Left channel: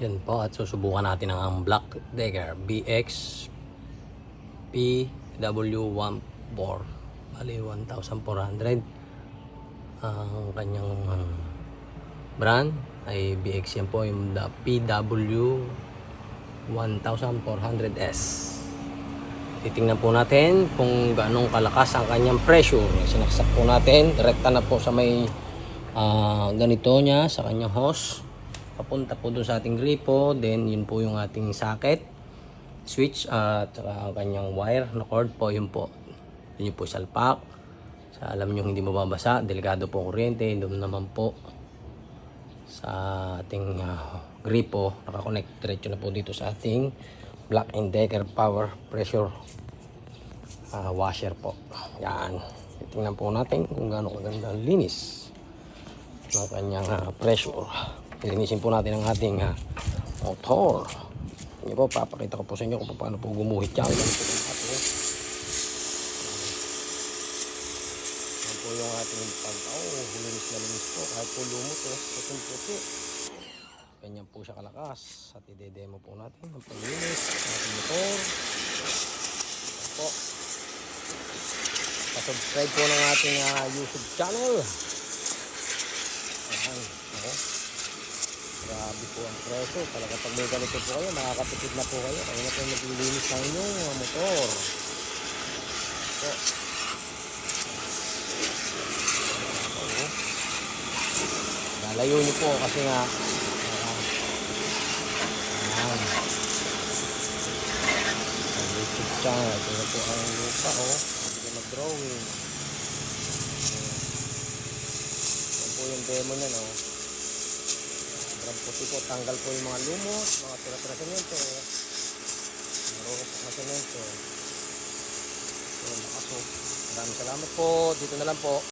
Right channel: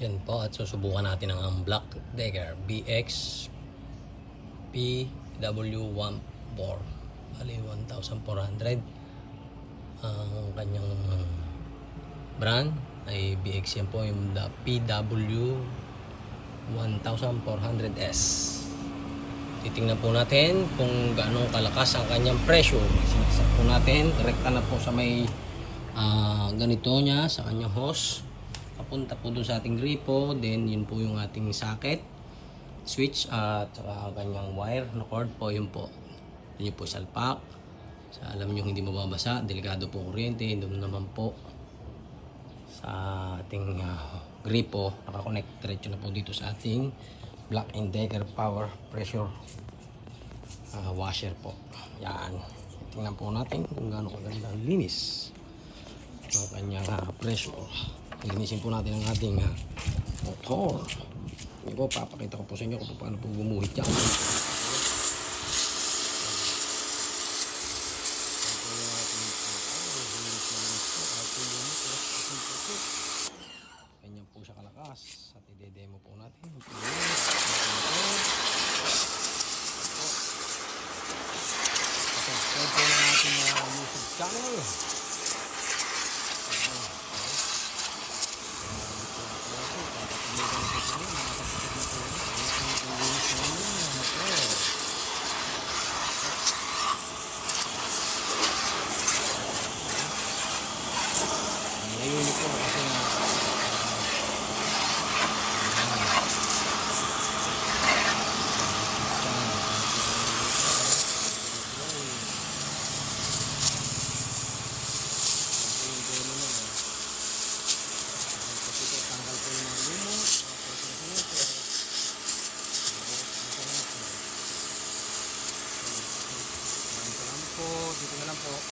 Yan po, at susubukan natin ang Black Decker BX PW14, bali 1,400. Ang kanyang brand ay BX. Yan po yung PW 1400S. Titingnan po natin kung gaano kalakas ang kanyang pressure. Sinaksak po natin, rekta na po sa may ganito niya sa kanyang hose, papunta po doon sa ating gripo. Then yun po yung ating socket, switch at saka kanyang wire na cord po. Yun po, yun po salpak. Sa alam nyo hindi mababasa, delikado po kuryente. Doon naman po sa ating gripo, nakakonect diretso na po dito sa ating Black & Decker power pressure washer po. Yan, tingnan po natin kung gaano kaganda linis ng kanyang pressure. Linisin po natin ang ating motor. Hindi po, papakita ko po sa inyo kung paano po gumuhit yan. Yan po yung ating pantaw. Linis na linis po. Kahit po lumot po. Ganyan po siya kalakas. At i-demo po natin ang paglinis ng ating motor. Po. Subscribe po ng ating YouTube channel. Grabe po ang pressure. Kaya kapag may ganito po kayo, makakapitid na po kayo. Kaya na po maglinis sa inyo ang motor. Lalayo niyo po kasi nga demo na no. Tanggal po yung mga lumot, mga pira-pira semento, marurot na semento. Maraming salamat po. Dito na lang po.